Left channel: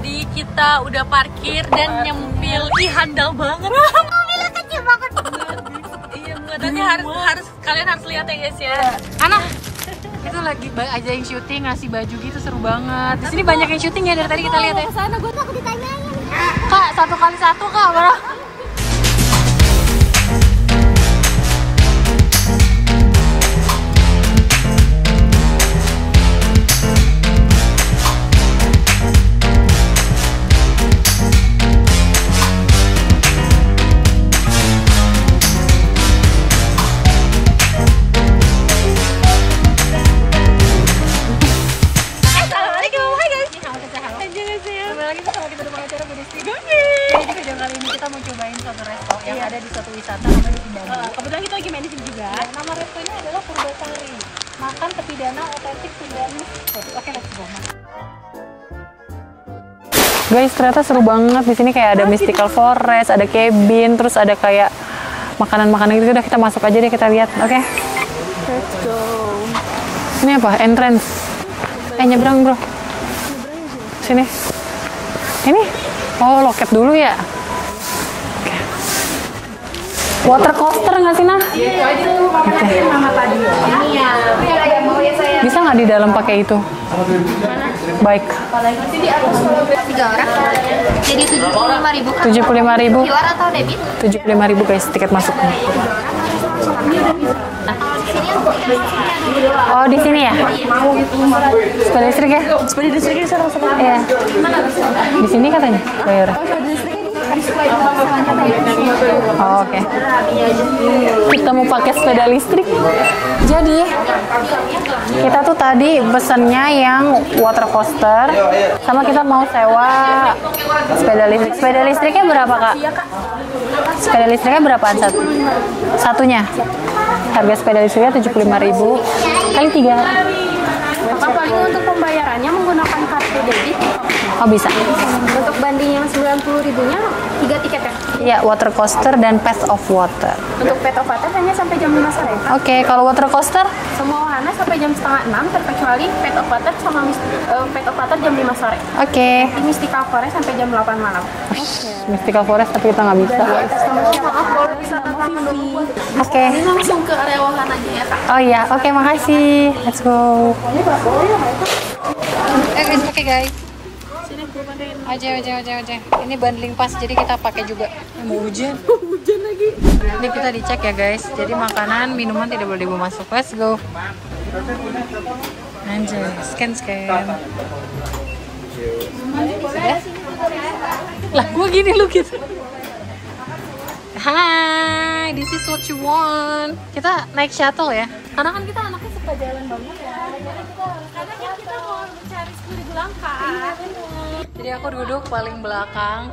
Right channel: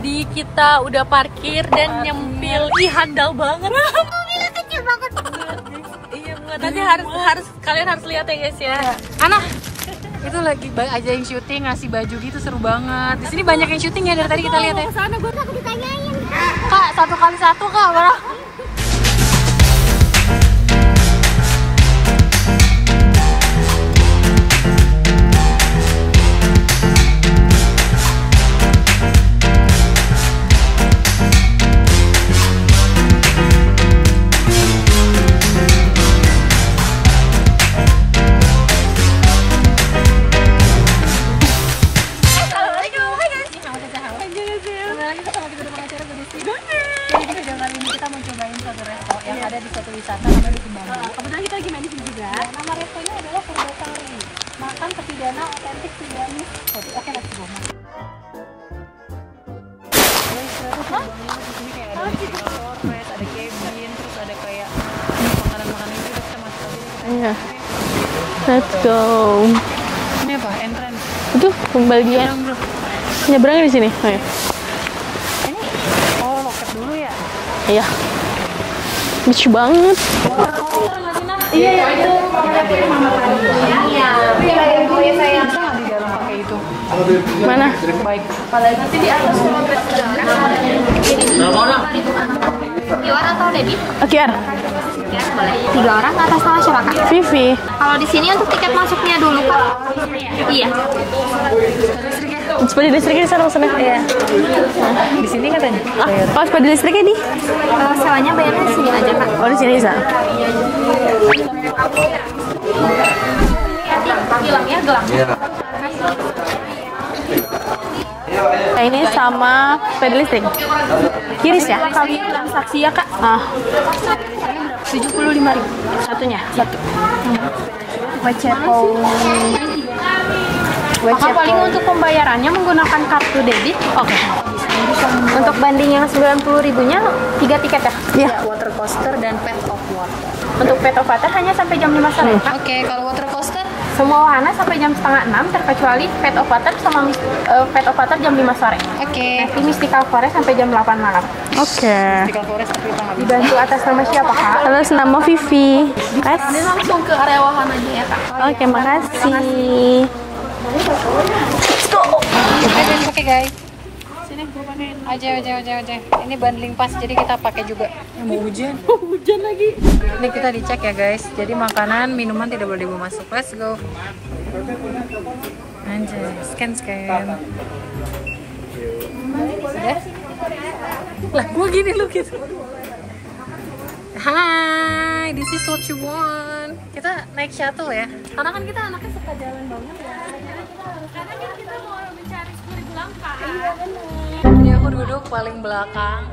Jadi kita udah parkir dan yang mobil handal banget. Mobilnya kecil banget. Nanti harus kalian harus lihat ya guys ya. Anak itu lagi aja yang syuting ngasih baju gitu, seru banget. Di sini banyak yang syuting ya dari tadi kita lihat ya. Sana gue takut ditanyain. Kak, 1x1 kak, bro. Jadi di video kali ini kita mau cobain satu resto yang ada di suatu wisata namanya di Bambu. Kebetulan kita lagi main di sini juga. Nama restonya adalah Purbasari. Makan pepidana otentik Sundanese food. Oke, let's go. Guys, ternyata seru banget di sini, kayak ada mystical forest, ada cabin, terus ada kayak makanan-makanan gitu. Udah kita masuk aja deh, kita lihat. Oke. Let's go. Ini apa? Entrance. Itu kembali nyebrang, bro. Nyebrangnya di sini. Sini. Ini? Oh, loket dulu ya? Iya. Lucu banget. Water coaster nggak sih, Nah? Iya. Bisa nggak di dalam pakai itu? Mana? Baik. 75.000. QR atau debit? 75.000 guys tiket masuknya. 3 orang ke atas nama silakan. Vivi. Kalau di sini untuk tiket masuknya dulu. Oh, di sini ya? Iya. Sepeda listrik ya? Sepeda listriknya di sana sana. Iya. Di sini katanya. Bayar. Oh, sepeda listriknya di? Kalau sewanya bayar di sini aja kan. Oh, di sini bisa. Kita mau pakai sepeda listrik. Jadi kita tuh tadi pesennya yang water coaster, sama kita mau sewa sepeda listrik. Sepeda listrik. Sepeda listriknya berapa, Kak? Iya, Kak. Sepeda listriknya berapaan satu? Satunya. Harga sepeda listriknya 75.000 kali 3. Paling untuk pembayarannya menggunakan kartu debit. Oh, bisa. Untuk banding yang 90.000-nya 3 tiket ya. Iya, water coaster dan Path of Water. Untuk Path of Water hanya sampai jam 5 sore. Oke, kalau water coaster Semua wahana sampai jam setengah 6 terkecuali Path of Water sama Path of Water jam 5 sore. oke. Di Mystical Forest sampai jam 8 malam. Oke. Mystical Forest tapi kita nggak bisa. Bantu atas nama siapa Kak? Atas nama Vivi. Oke. Ini langsung ke area wahana aja ya Kak. Oh iya, Oke, oke, makasih. Let's go. Oke guys. Aja. Ini bundling pas, jadi kita pakai juga. Mau hujan. Hujan lagi. Ini kita dicek ya guys. Jadi makanan, minuman tidak boleh dibawa masuk. Let's go. Anjay, scan. Sudah? Lah, gua gini lu gitu. Hai, this is what you want. Kita naik shuttle ya. Karena kan kita anaknya suka jalan banget ya. Jadi kita harus kita mau mencari 10.000 langkah. Iya benar. Jadi aku duduk paling belakang.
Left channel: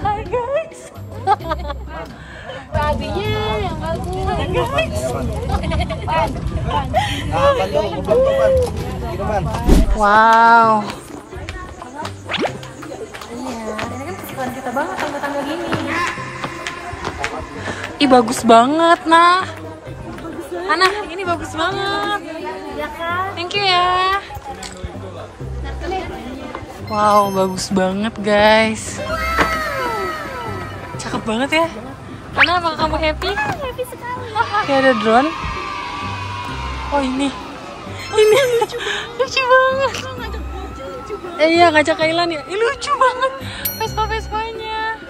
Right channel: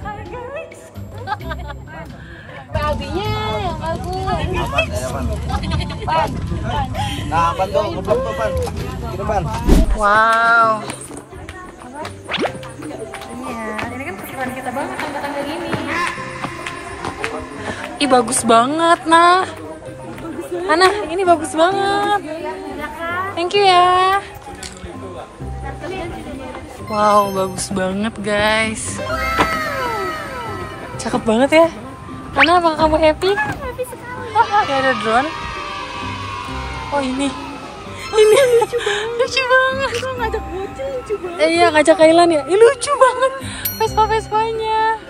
Hai guys. Babinya yang guys. Wow. Iya, ini kan kesukaan kita banget tangga-tangga gini. Ih, bagus banget, Nah. Ana, ini bagus banget. Thank you ya. Wow, bagus banget, guys. Cakep banget ya. Ana, apakah kamu happy? Happy sekali. Ya, ada drone. Oh, ini. Ini lucu banget. Iya, ngajak Kailan ya. Ih, lucu banget. Vespa-Vespanya.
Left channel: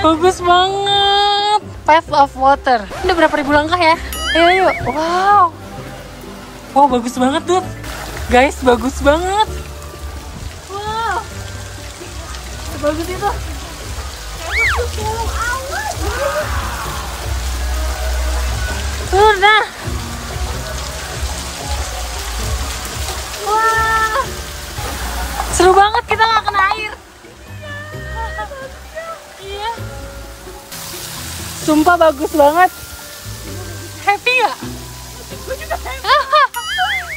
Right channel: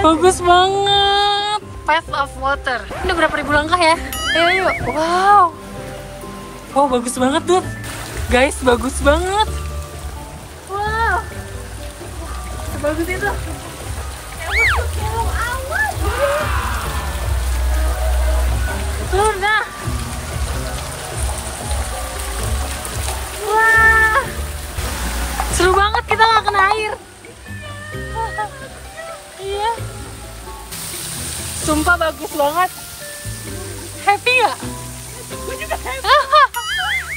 Bagus banget. Path of Water. Ini berapa ribu langkah ya? Ayo. Wow. Wow, bagus banget, Dut. Guys, bagus banget. Wow. Sebagus itu. Udah. Wah. Seru banget, kita nggak kena air. Iya. Sumpah bagus banget. Happy gak? Gue juga happy.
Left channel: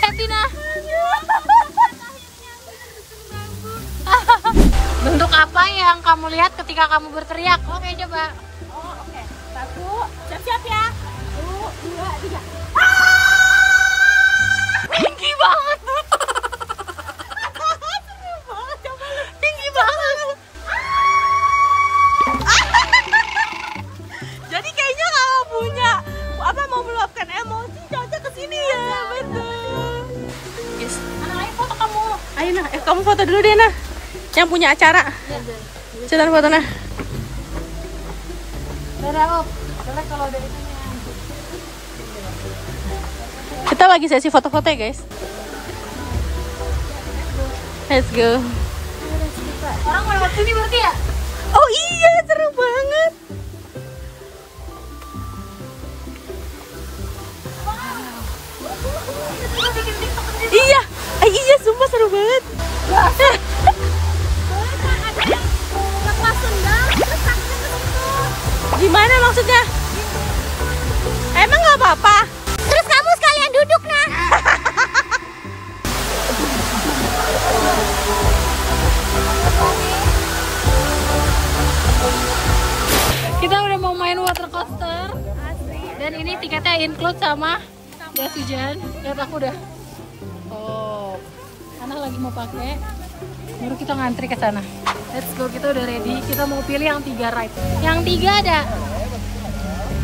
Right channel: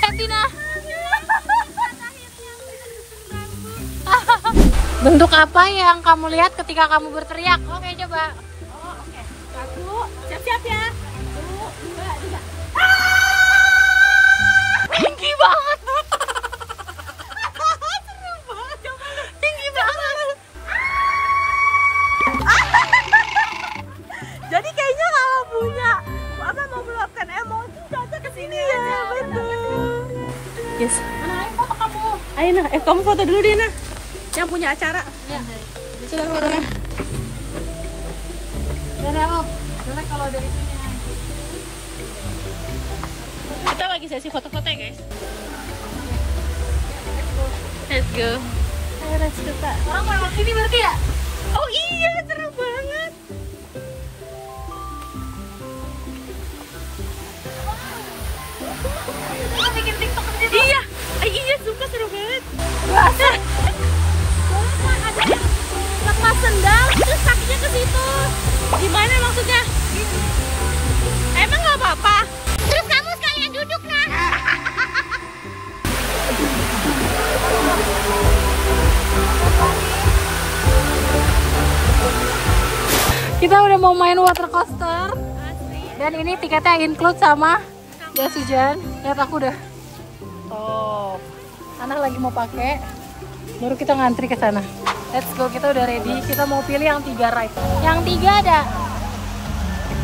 Happy Nah. Bentuk apa yang kamu lihat ketika kamu berteriak? Oke, coba. Oh, oke. 1, siap-siap ya. 1, 2, 3. Tinggi banget, Dut. kamu foto dulu deh nah. Yang punya acara. Cetan foto nah. Kita lagi sesi foto-foto ya guys. Let's go. Orang lewat sini berarti ya? Oh iya, seru banget. Bikin TikTok di situ. Iya, iya sumpah seru banget. Lepas sendal terus kakinya ke situ. Gimana maksudnya? Emang nggak apa-apa? Terus kamu sekalian duduk nah. Kita udah mau main water coaster. Dan ini tiketnya include sama jas hujan. Lihat aku udah top. Anak lagi mau pakai. Baru kita ngantri ke sana. Let's go, kita udah ready. Kita mau pilih yang 3 ride. Yang 3 ada.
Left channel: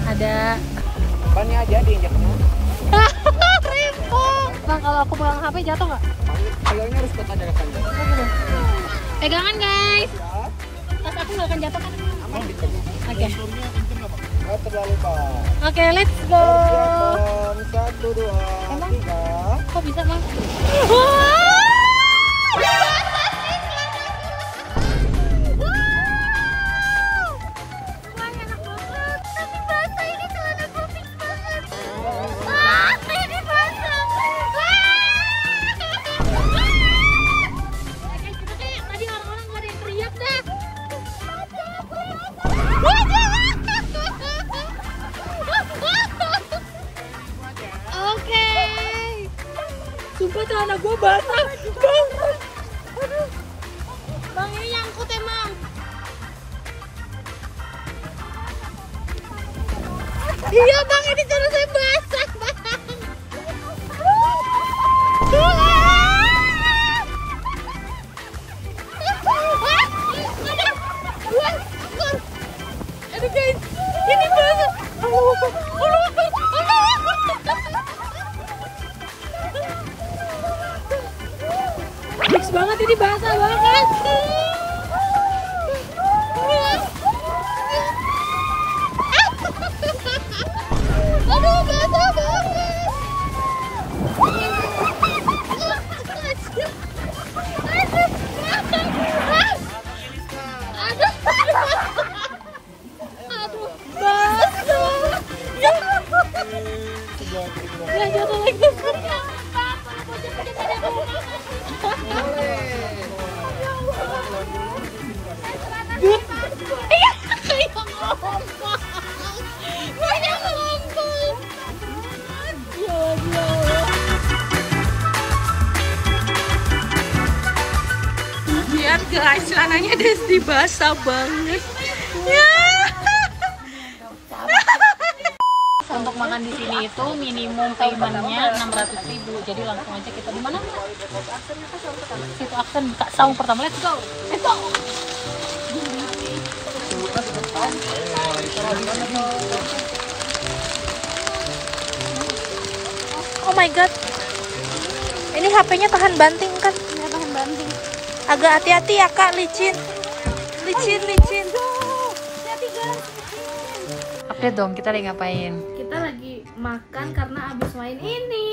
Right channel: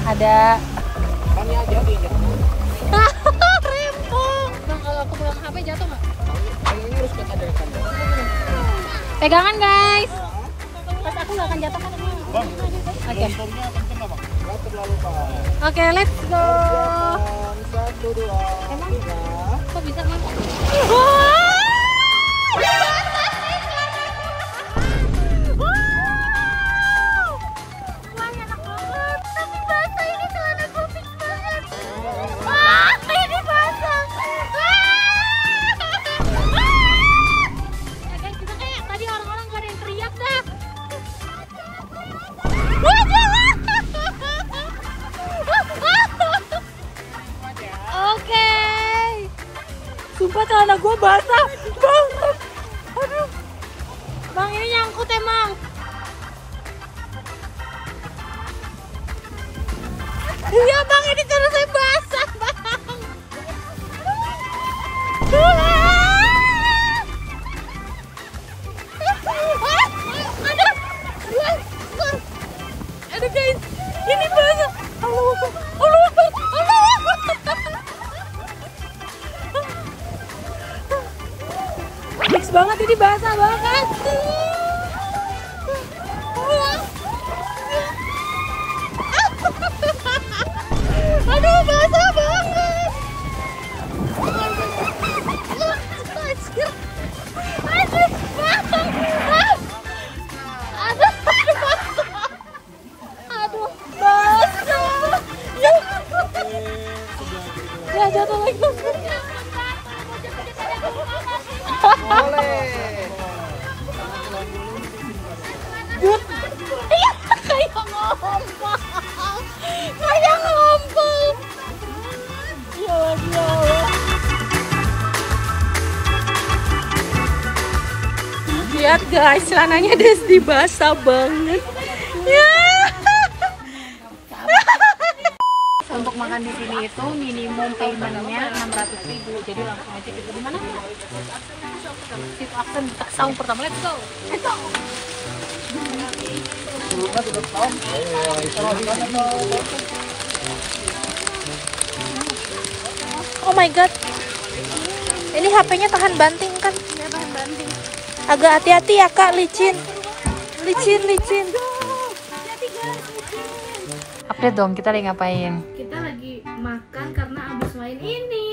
Ada. Tanya aja deh. Rempong. Bang, kalau aku pegang HP jatuh nggak? Bilangnya harus pakai ada rekannya. Pegangan guys. Pas aku nggak akan jatuh kan? Oke. Nggak terlalu parah. Oke, let's go. 1, 2, Emang? 3. Kok bisa bang? Sumpah celana gue basah, bang. Aduh, bang ini nyangkut emang. Iya bang, ini celana saya basah, bang. Aduh guys, ini basah. Fix banget, ini basah banget. Aduh, basah banget. Aduh, basah. Ya jatuh lagi. Iya, kayak ngomong. Kayak ngomong. Ya Allah. Lihat guys, celananya Desti basah banget. Ya. Untuk makan di sini itu minimum paymentnya 600.000. Jadi langsung aja kita di mana? Kita akan buka saung pertama. Let's go. Let's go. Oh my god. Ini HP-nya tahan banting kan? Agak hati-hati ya kak, licin. Licin. Update dong, kita lagi ngapain? Kita lagi makan karena abis main ini.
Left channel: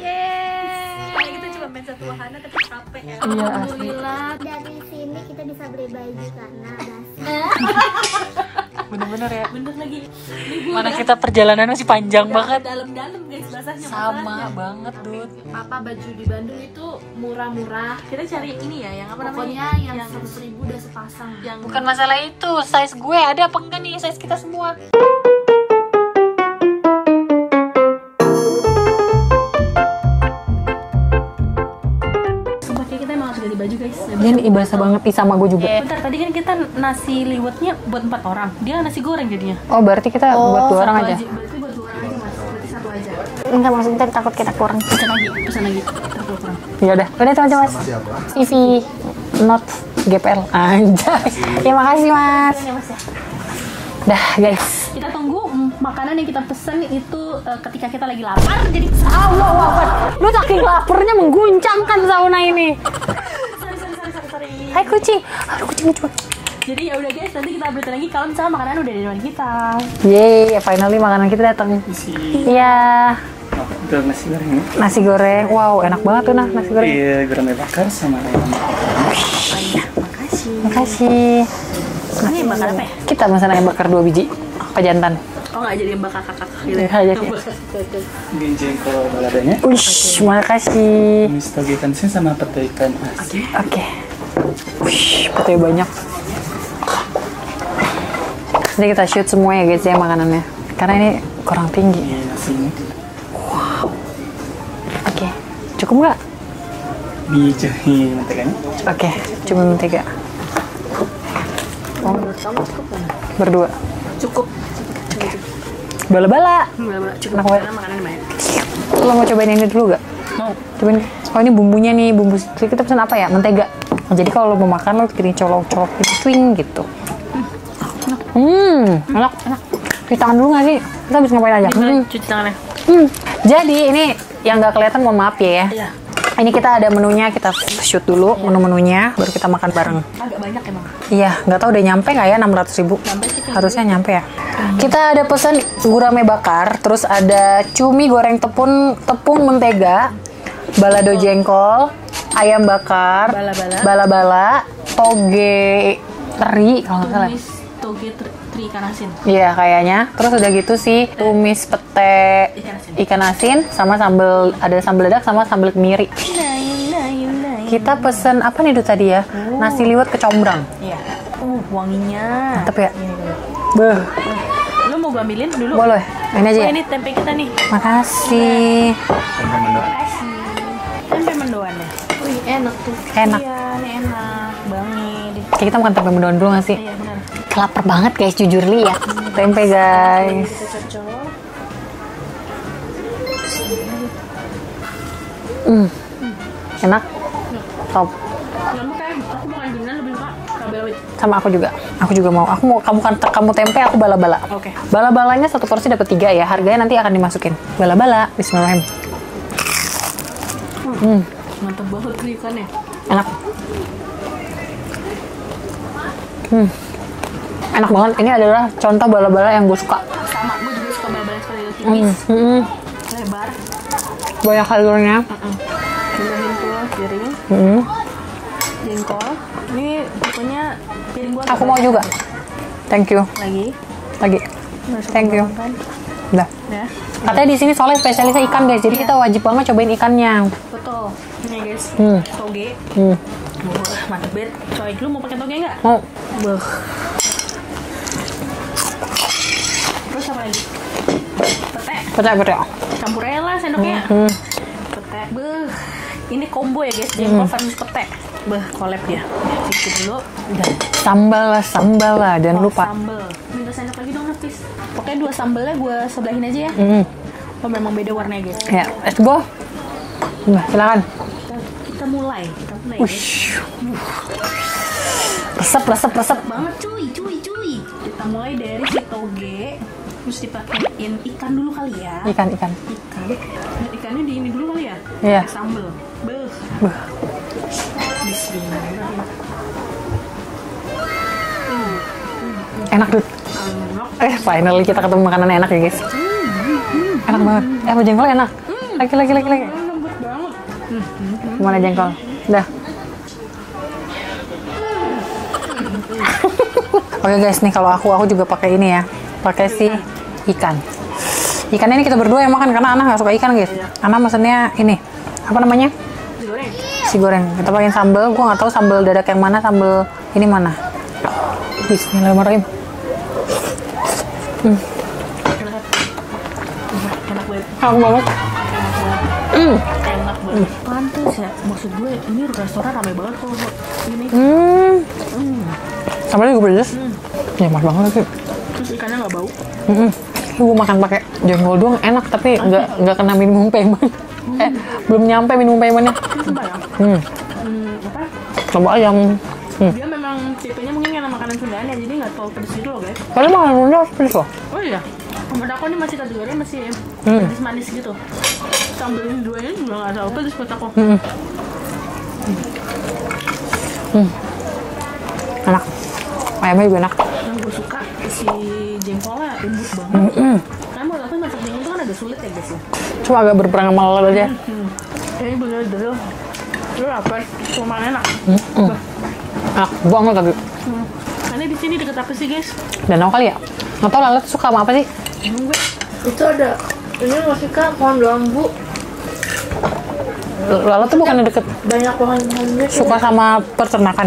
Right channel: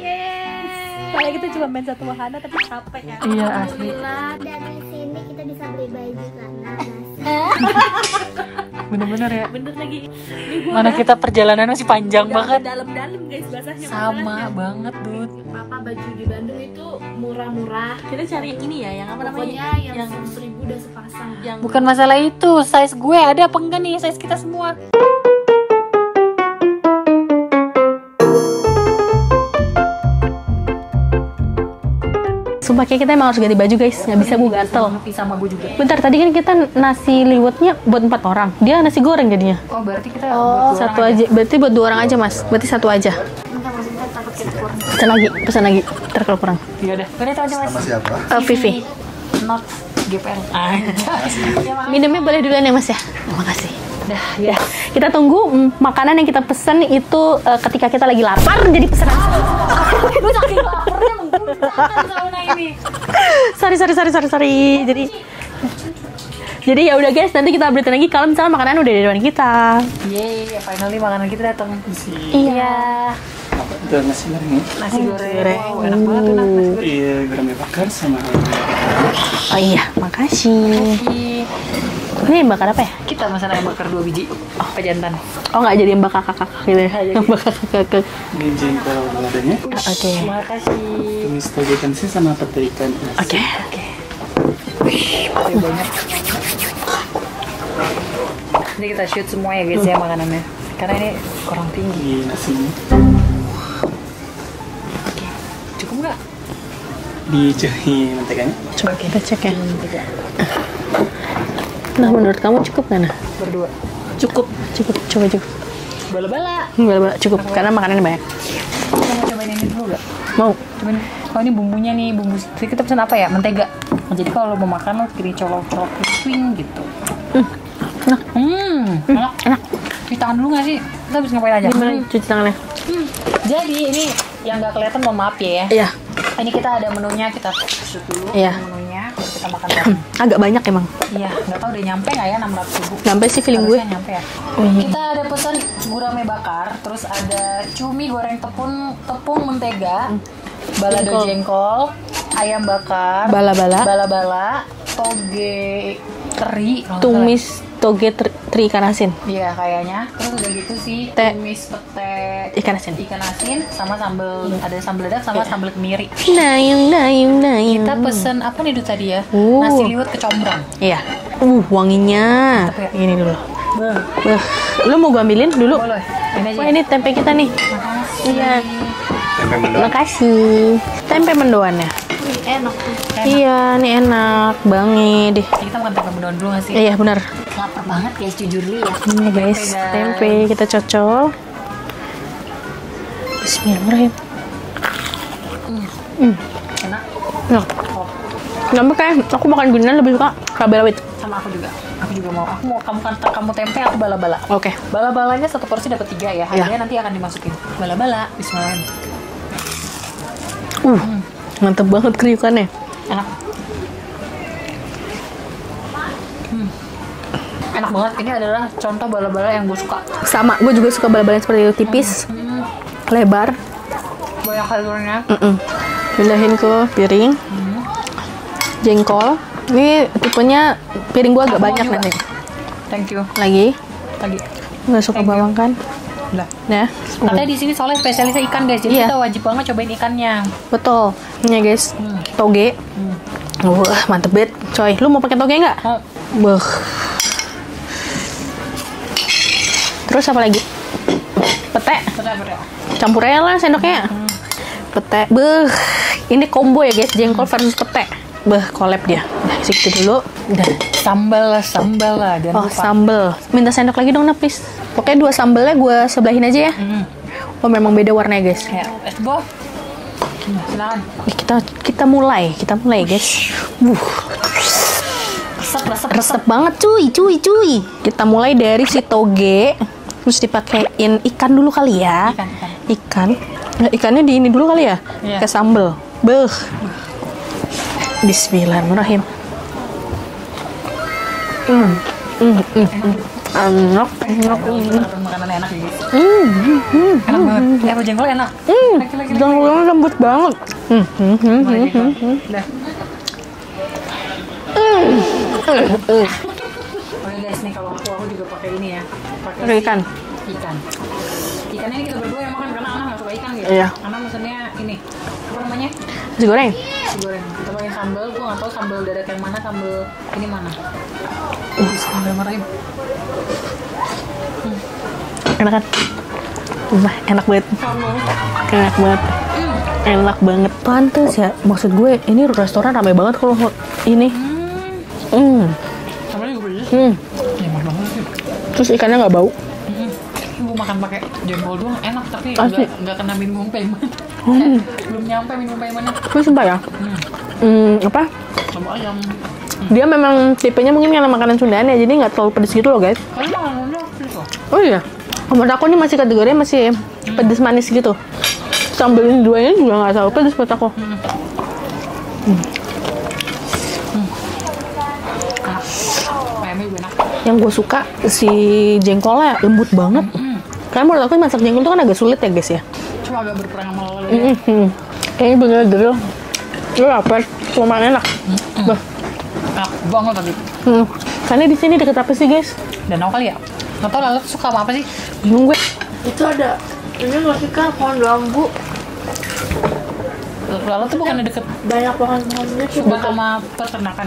Yeay. Kayak kita cuma main satu makanan tapi capek ya. Iya asli. Alhamdulillah. Dari sini kita bisa beli baju karena Bener-bener ya. Bener lagi. Mana kita perjalanan masih panjang banget. Dalam-dalam guys basahnya masalahnya. banget nih. Apa baju di Bandung itu murah-murah. Kita cari ini ya yang apa Pokoknya namanya? yang 100.000 udah sepasang. Yang Bukan masalah itu, size gue ada apa enggak nih? size kita semua. Sumpah kayak kita emang harus ganti baju guys, nggak bisa Ini gue basah banget nih sama gue juga. Bentar, tadi kan kita nasi liwetnya buat 4 orang. Dia nasi goreng jadinya. Oh berarti kita buat dua Satu orang aja. Berarti buat 2 orang aja mas. Berarti 1 aja. enggak, maksudnya takut kita kurang. Pesan lagi. Ntar kalau kurang. Ya udah. Udah teman-teman. Siapa? Vivi. Not GPL. Anjay. Ya makasih Minumnya mas. boleh duluan ya mas ya. Terima kasih. Dah guys, kita tunggu makanan yang kita pesen itu ketika kita lagi lapar. Jadi pesen Lu saking laparnya mengguncangkan sauna ini. sorry. Hai Jadi, kucing. Aduh, kucing lucu. jadi ya udah guys, nanti kita update lagi kalau misalnya makanan udah di depan kita. Yeay, finally makanan kita datang. Iya. Itu nasi goreng ya? Nasi goreng. Wow, enak banget tuh nah nasi goreng. Iya, gurame bakar sama Oh iya, makasih. Kasih. Ini yang bakar apa ya? Kita pesan ayam bakar 2 biji. Apa jantan? Oh nggak jadi yang bakar kakak gitu ya? Yang bakar kakak. jengkol baladanya. Oke. Makasih. Ini toge ikan asin sama pete ikan asin. Oke. Wih, putih banyak. Ini kita shoot semua ya guys ya makanannya. Karena ini kurang tinggi. Iya, nasinya. Oke. Cukup nggak? Dicuci menteganya. Oke. Cukup mentega. Nah menurut kamu cukup nggak? Nah? Berdua. Cukup. Coba cukup. Bala-bala. Cukup Enak banget. karena makanannya banyak. Lo mau cobain ini dulu gak? Mau. Cobain. Oh ini bumbunya nih, bumbu. Jadi kita pesen apa ya? Mentega. Nah, jadi kalau lo mau makan lo pilih colok-colok swing gitu. Enak. Cuci tangan dulu gak sih? Kita bisa ngapain aja? Cuci tangannya. Jadi ini yang nggak kelihatan mohon maaf ya. Iya. Ini kita ada menunya, kita shoot dulu menu-menunya, baru kita makan bareng. Agak banyak emang. Iya, nggak tahu udah nyampe nggak ya 600.000? Nyampe sih feeling Harusnya nyampe ya. Kita ada pesan gurame bakar, terus ada cumi goreng tepung mentega, balado jengkol, ayam bakar, bala-bala, toge teri, kalau nggak salah. Tumis toge teri ikan asin. Iya kayaknya. Terus udah gitu sih tumis pete Ikan asin. sama sambal, ada sambal dadak sama sambal kemiri. Nayung. Kita pesen apa nih itu tadi ya? Nasi liwet kecombrang. Iya. Wanginya. Mantep ya? Ini dulu. Beuh. Lu mau gua ambilin dulu? Boleh. Ini aja Oh, ya? ini tempe kita nih. Makasih. Tempe mendoan. Makasih. Tempe mendoannya. Enak. Iya, nih enak banget deh. Kita makan tempe mendoan dulu nggak sih? Iya benar. Lapar banget guys, jujur nih ya. Tempe guys. Tempe kita cocok. Bismillahirrahmanirrahim. Enak. Top. Nggak kayak aku makan ginian lebih suka cabai rawit. Sama aku juga. Aku juga mau. Aku mau kamu tempe, aku bala-bala. Oke. Bala-balanya satu porsi dapat 3 ya. Harganya nanti akan dimasukin. Bala-bala. Bismillahirrahmanirrahim. Mantep banget kriukannya. Enak. Enak banget. Ini adalah contoh bala-bala yang gue suka. Sama, gue juga suka bala-bala yang seperti itu, tipis, lebar. Banyak sayurnya. Pindahin ke piring. Jengkol. Ini tipenya piring gue agak Aku mau banyak juga. nih. Thank you. Lagi. Nggak suka Thank you. bawang kan? Udah. Ya. Katanya di sini soalnya spesialisnya ikan guys. Jadi Iya. kita wajib banget cobain ikannya. Betul. Ini ya guys. Toge. Wah, mantep banget. Coy, lu mau pakai toge nggak? Beuh. Terus apa lagi? Pete. Campur aja lah sendoknya. Pete. Beuh. Ini combo ya guys. Jengkol versus pete. Beuh, collab dia. Udah, segitu dulu. Udah. Sambal lah. Dan Oh, lupa. sambel. Minta sendok lagi dong, Napis. Pokoknya 2 sambelnya gue sebelahin aja ya. Oh, memang beda warnanya guys. Ya, let's go. Nah, silakan. Kita mulai guys. Resep banget cuy. Kita mulai dari si toge, terus dipakein ikan dulu kali ya. Ikan. Nah, ikannya di ini dulu kali ya. Iya. Ke sambel. Beuh. Bismillahirrahmanirrahim. Enak tuh. Enak. Finally kita ketemu makanan enak ya guys. Enak banget. Jengkolnya enak. Lagi. Jengkolnya lembut banget. Mana jengkol? Udah. Oke guys, nih kalau aku juga pakai ini ya. Pakai si ikan. Ikannya ini kita berdua yang makan karena Ana nggak suka ikan gitu. Iya. Ana mesennya ini. Apa namanya? Nasi goreng. Si goreng. Kita pakai sambal. Gua nggak tahu sambal dadak yang mana, sambal ini mana. Bismillahirrahmanirrahim. Enak kan? Enak banget. Enak banget. Enak banget. Enak banget. Pantes ya. Maksud gue, ini restoran ramai banget kalau ini. Sambalnya juga pedas. Nikmat banget sih. Terus ikannya nggak bau. Gue makan pakai jengkol doang enak, tapi nggak kena minum payment. Belum nyampe minum paymentnya. Terus sumpah ya? Apa? Sama ayam. Dia memang tipenya mungkin karena makanan Sundaan ya, jadi nggak terlalu pedes gitu loh guys. Kalau makanan Sunda pedes loh. Oh iya. Menurut aku ini masih kategori masih pedes manis gitu. Sambil ini duanya juga nggak terlalu pedes buat aku. Enak. Ayamnya juga enak. Yang gue suka si jengkolnya lembut banget. Karena menurut aku masak jengkol itu kan agak sulit ya guys ya. Cuma agak berperang sama lelahnya. Kayaknya bener grill. Gue lapar, cuma enak. Enak banget tadi. Karena di sini deket apa sih guys? Danau kali ya? Nggak tau Lala tuh suka sama apa sih? Bingung gue. Itu ada. Ini nggak sih kak pohon bambu. Lala tuh bukan deket Banyak pohon-pohonnya. suka sama peternakan.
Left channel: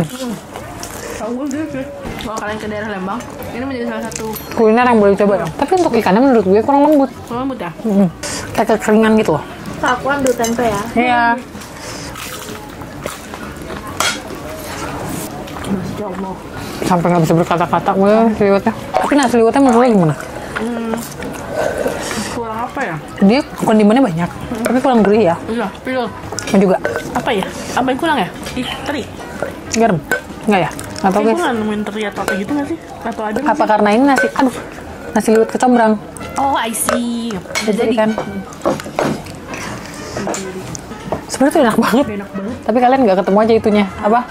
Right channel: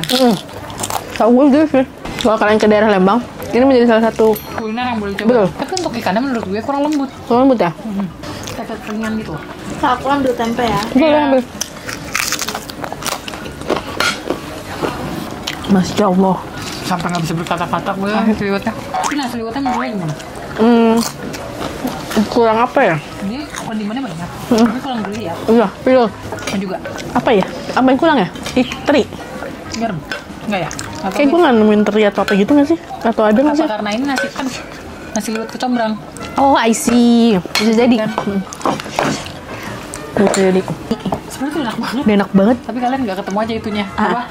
Tau gue guys ya. Kalau kalian ke daerah Lembang, ini menjadi salah satu Kuliner yang boleh coba. Tapi untuk ikannya menurut gue kurang lembut. lembut ya. Kayak kekeringan gitu loh. Kak, aku ambil tempe ya. Iya. Masya Allah. Sampai nggak bisa berkata-kata gue seliwetnya. Tapi nah seliwetnya menurut lo gimana? Kurang apa ya? Dia kondimennya banyak. Tapi kurang gurih ya. Enggak, pilih. Dan juga Apa ya? Apa yang kurang ya? Teri. garam. Enggak ya? Atau Kayak gue nggak nemuin teri atau apa gitu nggak sih? Atau ada nggak apa sih? karena ini nasi, aduh, nasi liwet kecombrang. Oh, I see. Bisa jadi kan? Bisa jadi. Sebenarnya tuh enak banget, enak banget. Tapi kalian nggak ketemu aja itunya. Apa?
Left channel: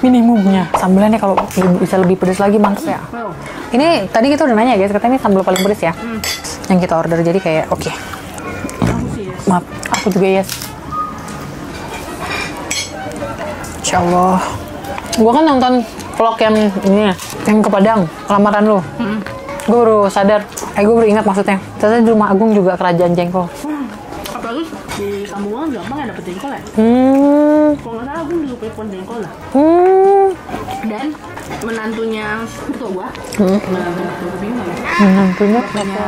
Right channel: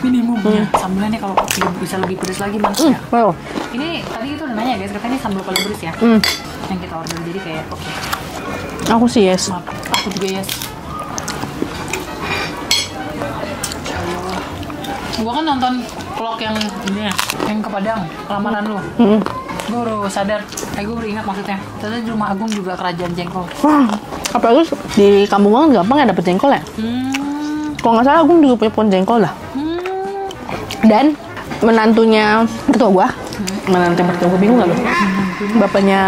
Minimumnya. Sambilannya kalau bisa lebih pedas lagi maksudnya. Wow. Ini tadi kita udah nanya guys, katanya sambal paling pedas ya. Yang kita order jadi kayak oke. Aku sih yes. Maaf, aku juga yes. Insya Allah. Gua kan nonton vlog yang ini, yang ke Padang, lamaran lu. Gue baru sadar, gue baru ingat maksudnya. Ternyata di Rumah Agung juga kerajaan jengkol. Wah, apalagi di kampung gue gampang ya dapet jengkol ya. Kalau nggak salah, gue juga punya pohon jengkol lah. Dan menantunya mertua gue, menantu mertua gue bingung nggak? Bapaknya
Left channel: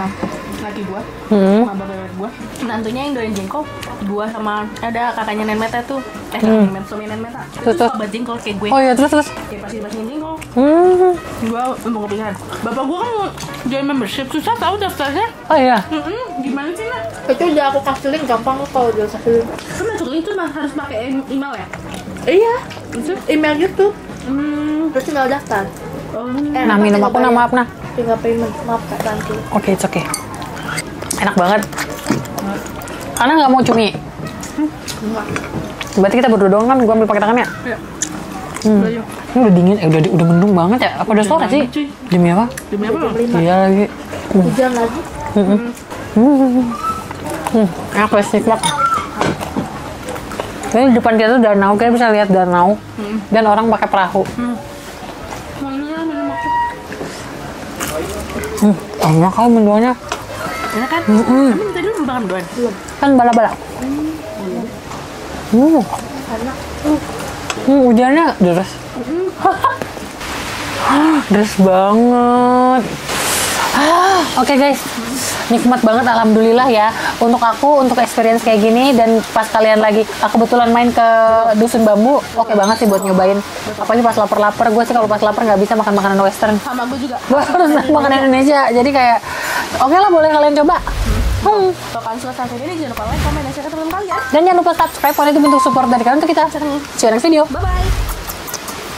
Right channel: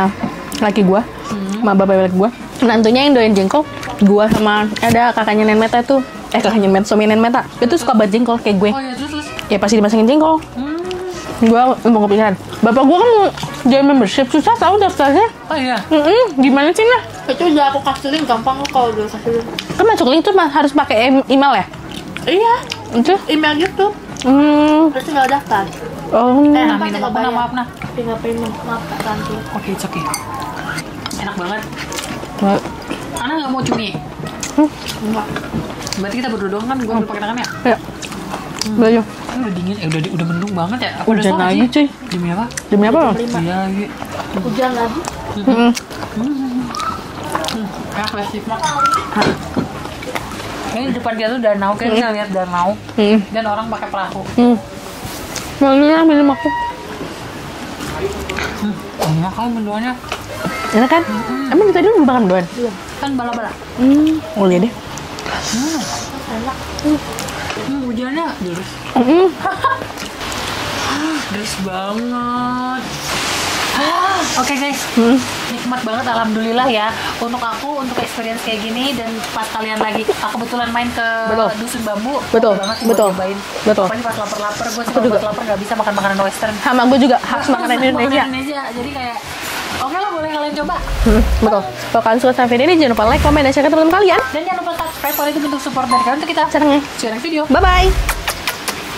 laki gue, sama bapaknya laki gue, menantunya yang doain jengkol, gue sama ada kakaknya Nen Meta tuh, kakaknya suami Nen Meta, itu suka banget jengkol kayak gue. Oh iya, terus. Ya pasti dimasakin jengkol. Gue mau kepikiran. Bapak gue kan mau join membership, susah tahu daftarnya. Oh iya. Gimana sih lah? Itu udah aku kasih link, gampang kok kalau udah kasih link. Kan masuk link tuh harus pakai email ya? Iya, Itu? email YouTube. Terus tinggal daftar. Oh, Nah, minum aku, nah maaf nah. Tinggal payment, maaf kak nanti. Oke, it's okay. Enak banget. Karena nggak mau cumi. Enggak. Berarti kita berdua doang kan? Gua ambil pakai tangannya. ya. Belajar. Ini udah dingin, udah mendung banget ya. Apa udah sore lagi, sih? cuy. Demi apa? Demi apa? Iya lagi. Hujan lagi. Enak plastik banget. Ini di depan kita tuh danau, kita bisa lihat danau dan orang pakai perahu. Belajar minum aku. Enak kalau mendoanya. Enak kan? Emang tadi belum makan doan? Kan bala-bala. Boleh deh. Enak. Hujannya deras. Deras banget. Oke guys, nikmat banget alhamdulillah ya. Untuk aku, untuk experience kayak gini dan pas kalian lagi, aku kebetulan main ke Dusun Bambu, oke banget sih buat nyobain. Apalagi pas lapar-lapar, gue sih kalau pas lapar nggak bisa makan makanan western. Sama gue juga. Gue suka makanan Indonesia, jadi kayak oke lah boleh kalian coba. Kalau kalian suka sama video ini, jangan lupa like, komen, dan share ke teman-teman kalian. Dan jangan lupa subscribe, kalau itu bentuk support dari kalian untuk kita. See you next video. Bye-bye.